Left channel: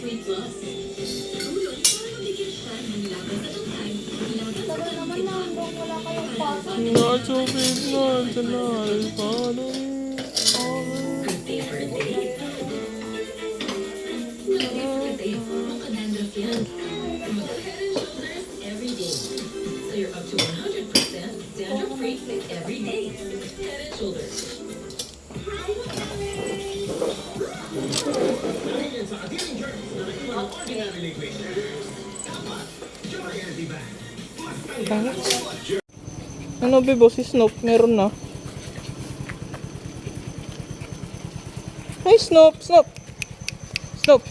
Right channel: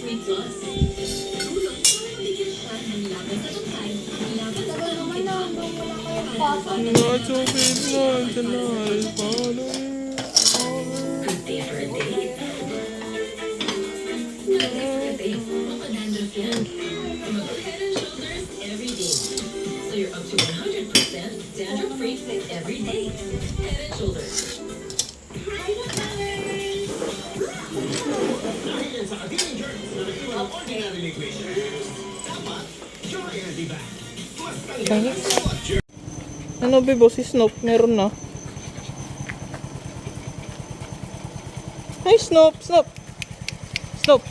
Sweet Plus. Tulong para mabigyan siya ng laban sa tungkay, laban sa kalungkitan. Not so big, not tonight, Good day for a date. Not day for a date. Makadandruff yan. Mag-Head and Shoulders every day. So you're up to 100% dandruff-free with every day. Head and Shoulders. Dahil yan sa Adheering Germs na naiwan ng ordinary liquid. Dapat, Pure Energy Bag. Mas tanggal ang bawat germ. Ano bebo, si Snoop, meron na. Hi Snoop, Snoop. Snoop.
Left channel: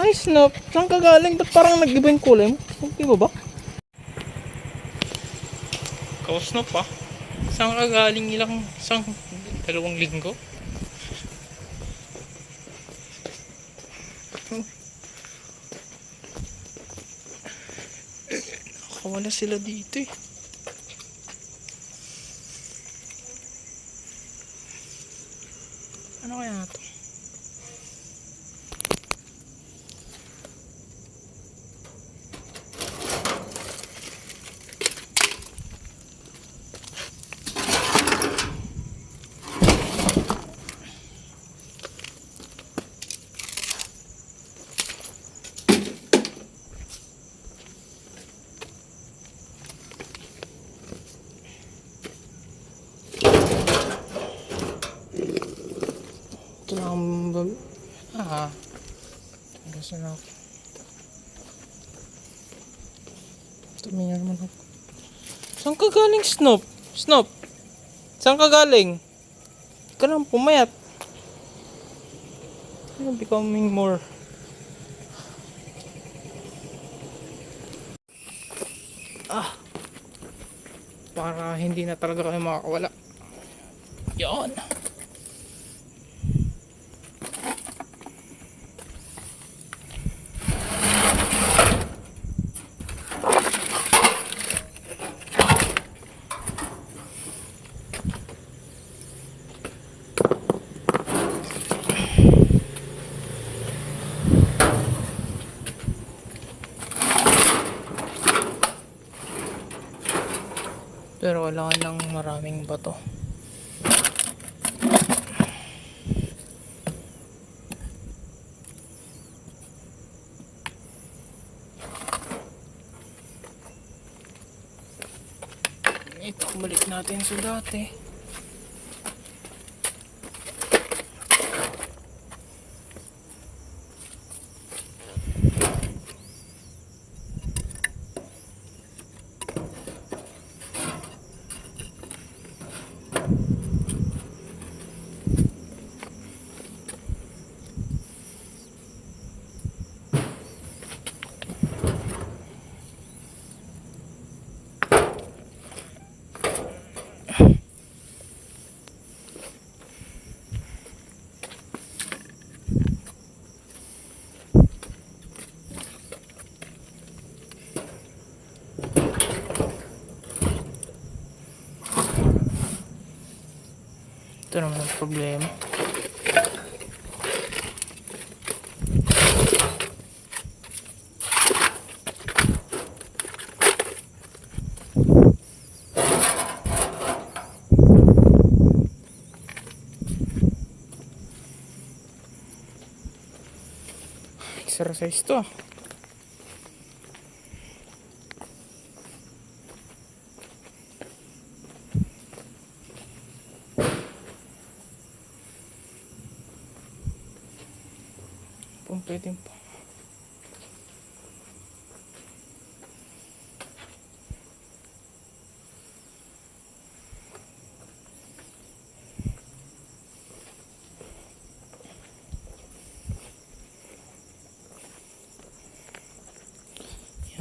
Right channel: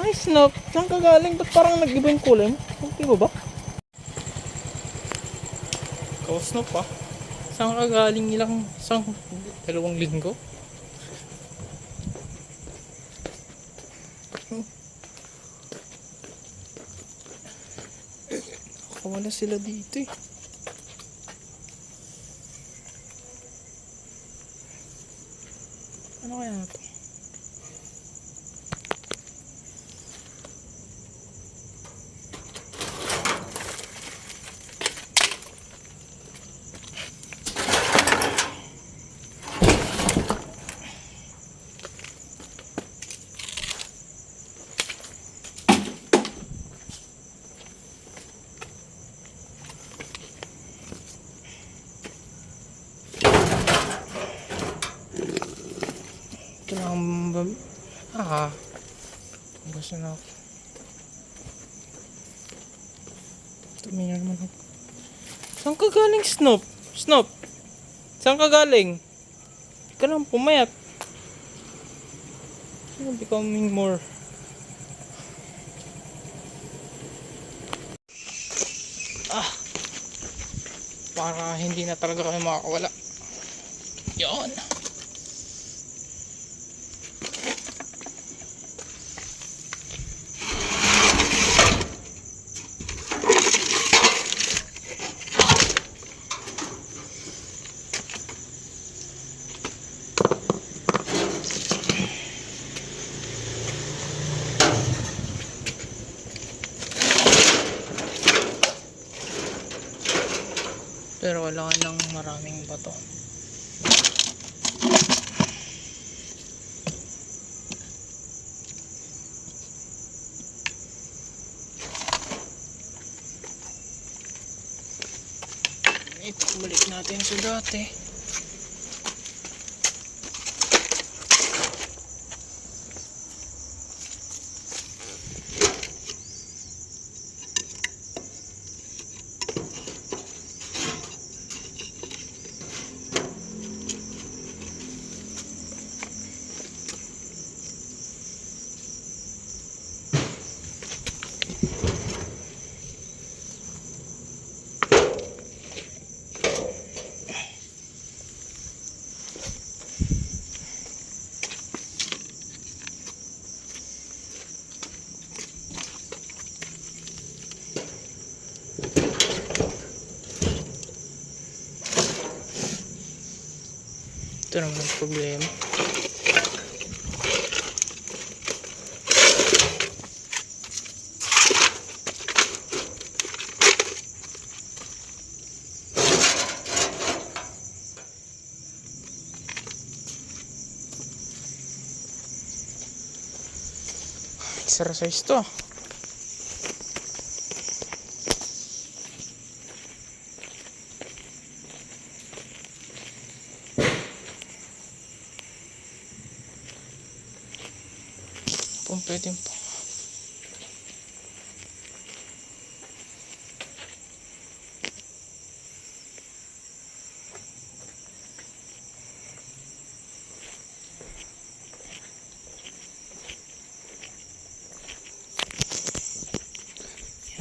Hi Snoop, saan ka galing? Ba't parang nag-iba yung kulay mo? Snoop, di ba ba? Ikaw Snoop ah. Saan ka galing isang 2 linggo? Nakawala sila dito eh. Ano kaya na to? Kailangan ba? Gusto na ako. Tumingin naman ako. Saan ka galing Snoop? Snoop? Saan ka galing? Hindi ka lang pumayat. You're becoming more. Para hindi na talaga kayo makakawala. Yan. Pero wala nang maraming bato. Ito, balik natin sa dati. Ito naman ang problema. Sara size to. Kung pwede po.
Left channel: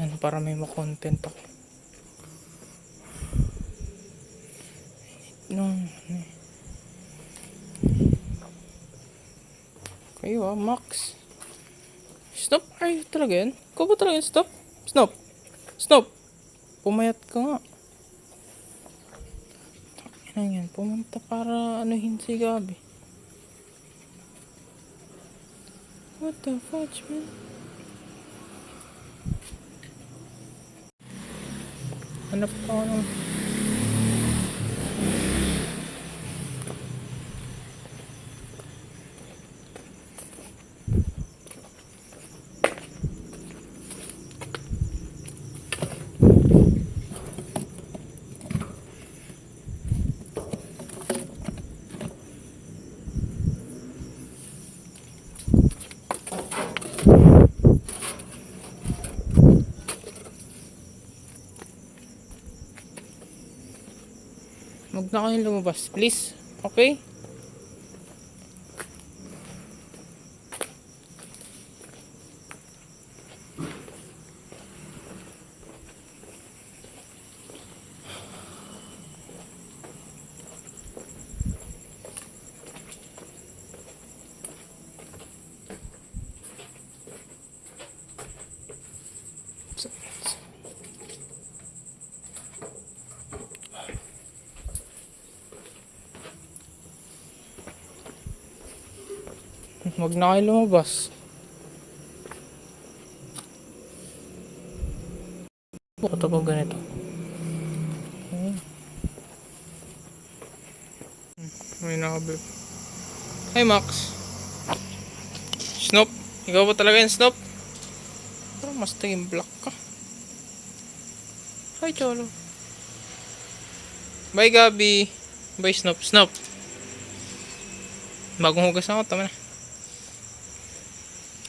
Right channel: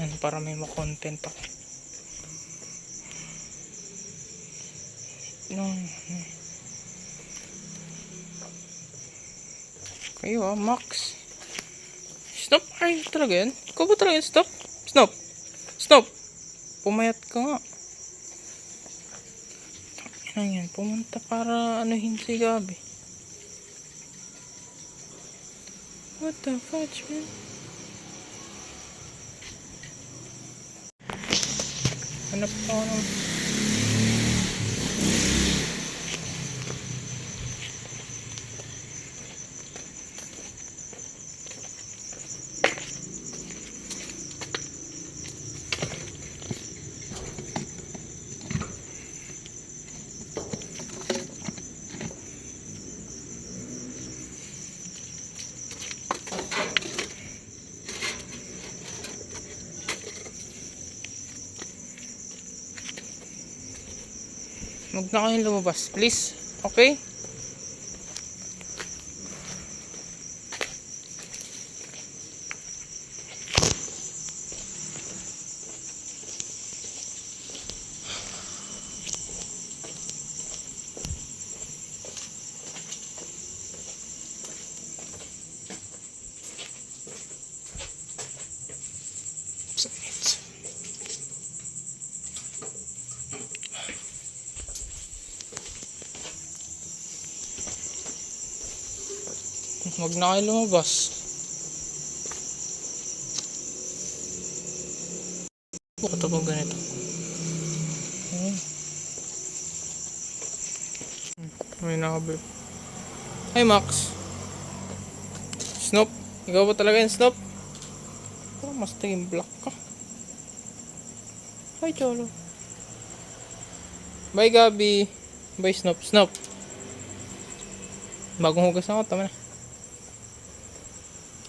Yan, para may ma-content pa. Kayo Max. Stop, ay talaga yan? Ikaw ba talaga yan? Stop? Stop! Stop! Pumayat ka nga. Ano yan? Pumunta para anuhin si Gabi. What the fudge, man? Hanap ka ng... Huwag na kayong lumabas, please. Okay? Huwag na kayo lumabas. Bakit ako ganito? May nakabip. Hi Max. Snoop. Ikaw ba talaga yung Snoop? Pero mas naging black ka. Hi Cholo. Bye Gabi. Bye Snoop. Snoop. Bagong hugas ako. Tama na.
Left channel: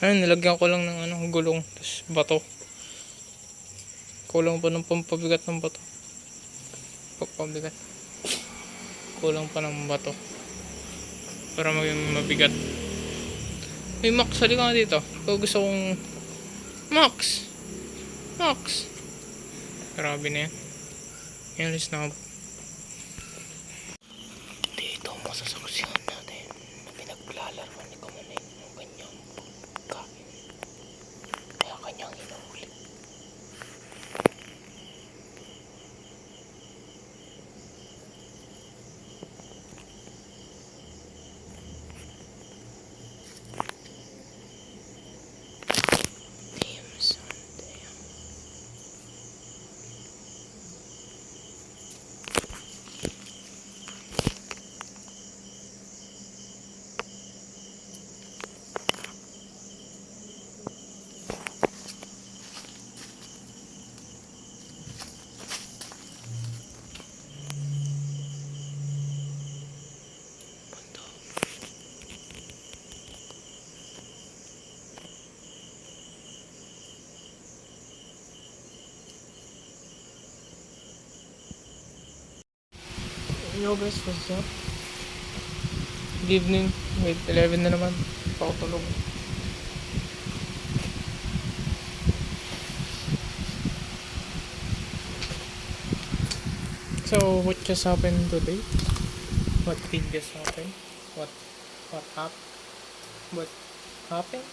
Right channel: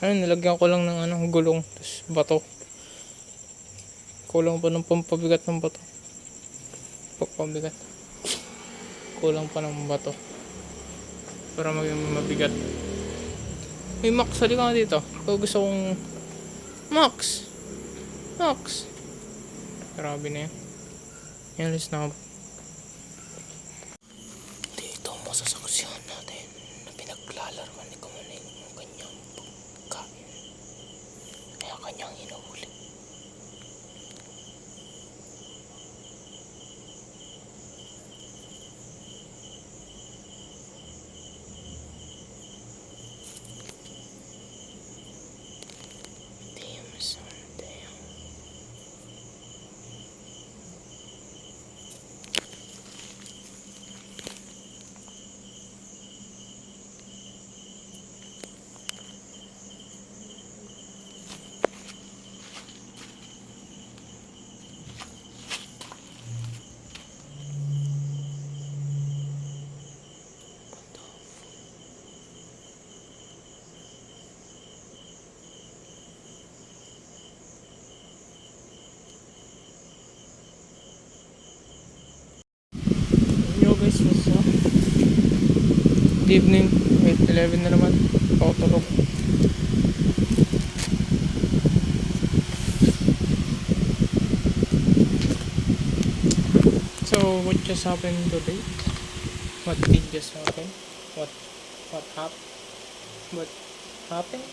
Ayun, nilagyan ko lang ng gulong. Tapos bato. Kulang pa ng pampabigat ng bato. Pampabigat. Kulang pa ng bato. Para maging mabigat. Hey Max, halika nga dito. Ikaw gusto kong... Max! Max! Grabe na yan. Yan, alis na ako. Dito ang masasaksihan natin na pinaglalaroan ni Kumaning yung kanyang pagkain. Kaya kanyang hinahuli. Guys, was evening, 11 na naman, pakutulog. So what just happened today? What did just happen? What happened?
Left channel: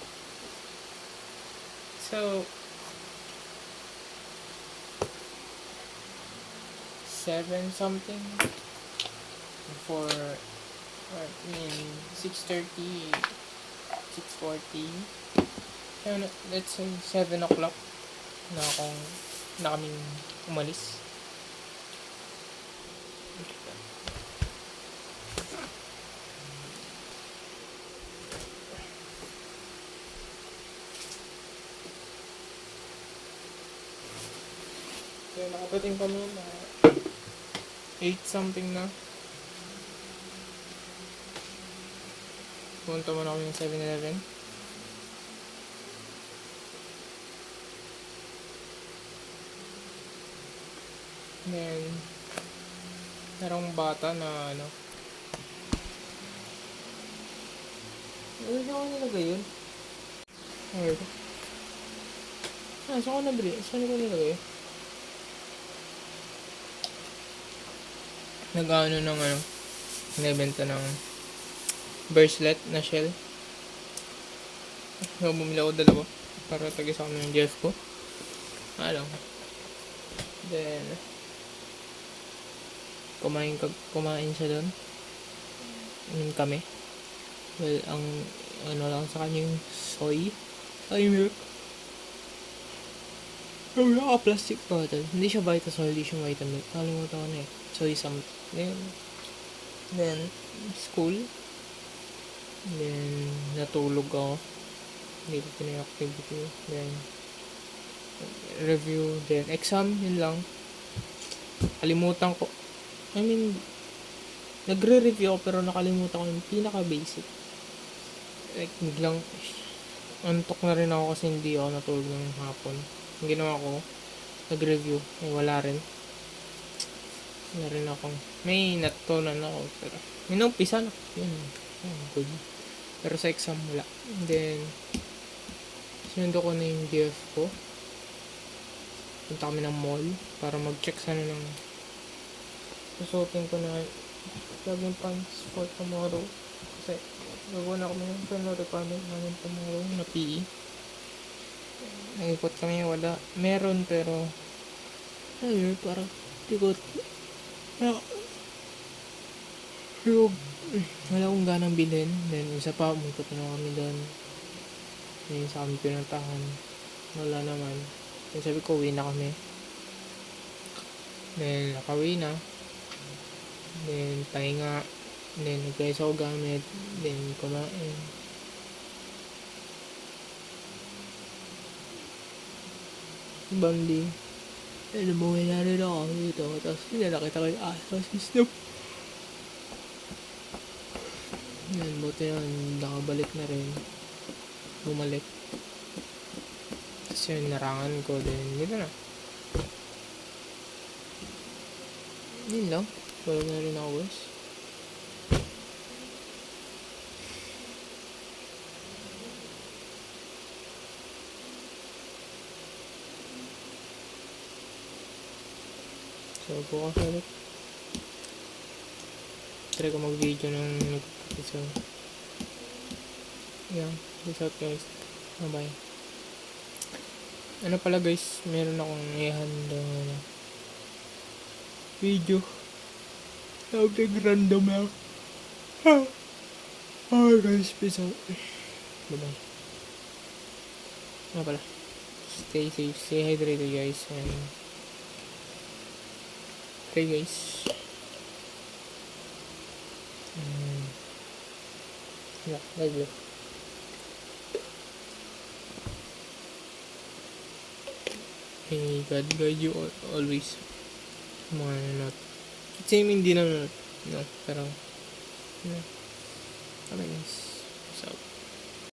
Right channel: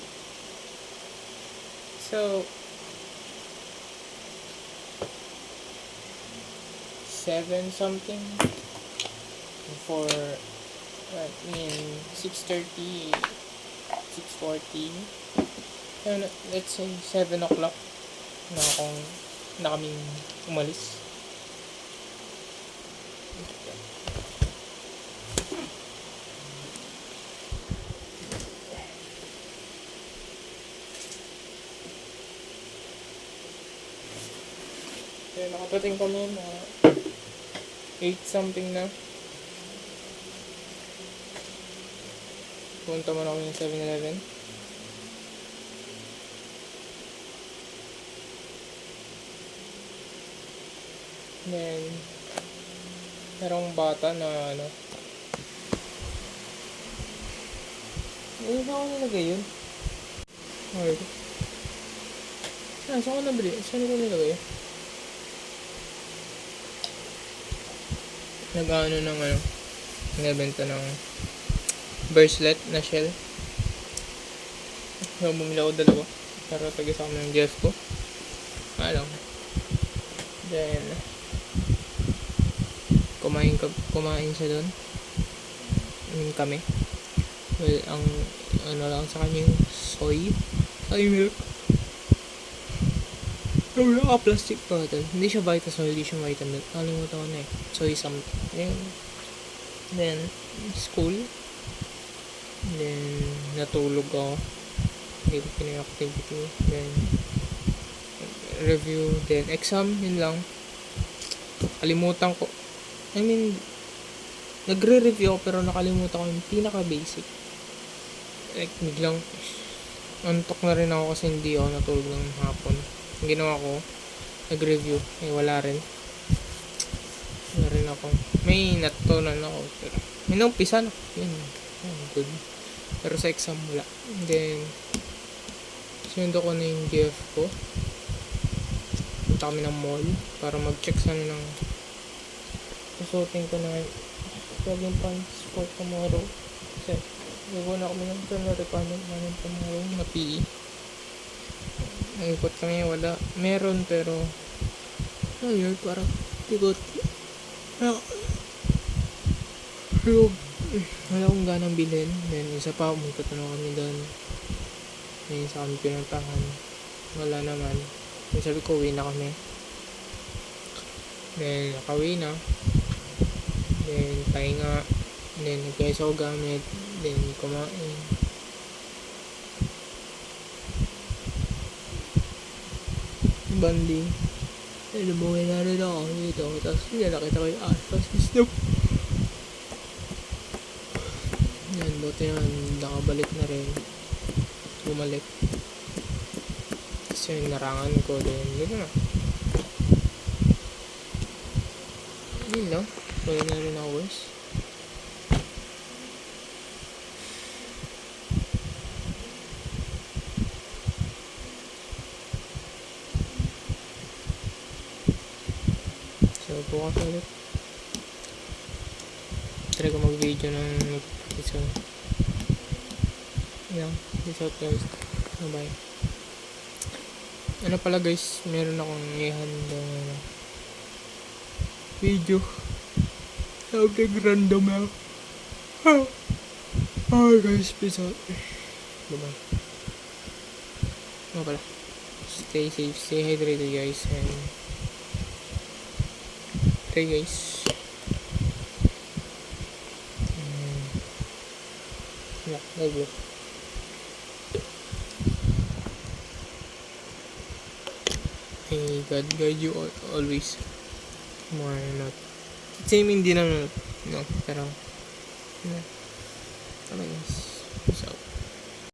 So 7 something for 6:30, 6:40, let's say 7 o'clock na kaming umalis. Kaya nakapating kami na 8 something na. Punta muna kami ng 7-Eleven. Then merong bata na ano ako nilagay yun? Ano ito? Saan ko nabili? Saan ko nilagay? Nag-ano ng ano, nagbenta ng bracelet na shell. So, bumili ako dalawa para tagis ako ng Jeff ko. Alam. Then kumain siya doon. Kami. Well, ang ano lang sa kanya yung soy milk. Pero naka-plastic bottle. Hindi siya Vitasoy, hindi siya Vitamilk. Nakalimutan ko na eh. Soy something. Then, school. Then, natulog ako. Hindi ko activity. Then, review. Then, exam. Yun lang. Kalimutan ko. I mean, nagre-review ako pero nakalimutan ko yung pinaka-basic. Like, biglang antok na rin ako kasi hindi ako natulog ng hapon. Ang ginawa ko, nag-review. Wala rin. Wala rin ako. May natutunan ako. Pero, may naumpisa na. Yun. Good. Pero sa exam, wala. And then, sinundo ko na yung GF ko. Punta kami ng mall para mag-check sana ng susuotin ko na jogging pants for tomorrow. Kasi, gagawa na kami ng final requirement namin tomorrow na PE. Nag-ikot kami, wala. Meron pero ayun, parang tikot. Wala akong ganang bilhin. Then isa pa, umikot na kami doon. Then isa kami pinuntahan. Wala naman. Then sabi ko, uwi na kami. Then nakauwi na. Then pahinga. Then nag-guys ako gamit. Then kumain. Banding. Then umuwi na rin ako dito. Tapos nakita ko yung asa si Snoop. Yan, buti naman nakabalik na rin. Bumalik. Tapos yung narangan ko din. Dito na. Yun lang. Tulog na rin ako guys. So, bukas ulit. Try ko mag-video ng mag-practice ko. Yeah, peace out guys. Bye-bye. Ano pala guys, meron akong i-handle na video. Tawag random lang. Alright guys, peace out. Bye-bye. Ano pala? Stay safe, stay hydrated guys, and pray guys. Yeah, love you. May God guide you always. Mga not. Same hindi na no, pero bye guys. Peace out.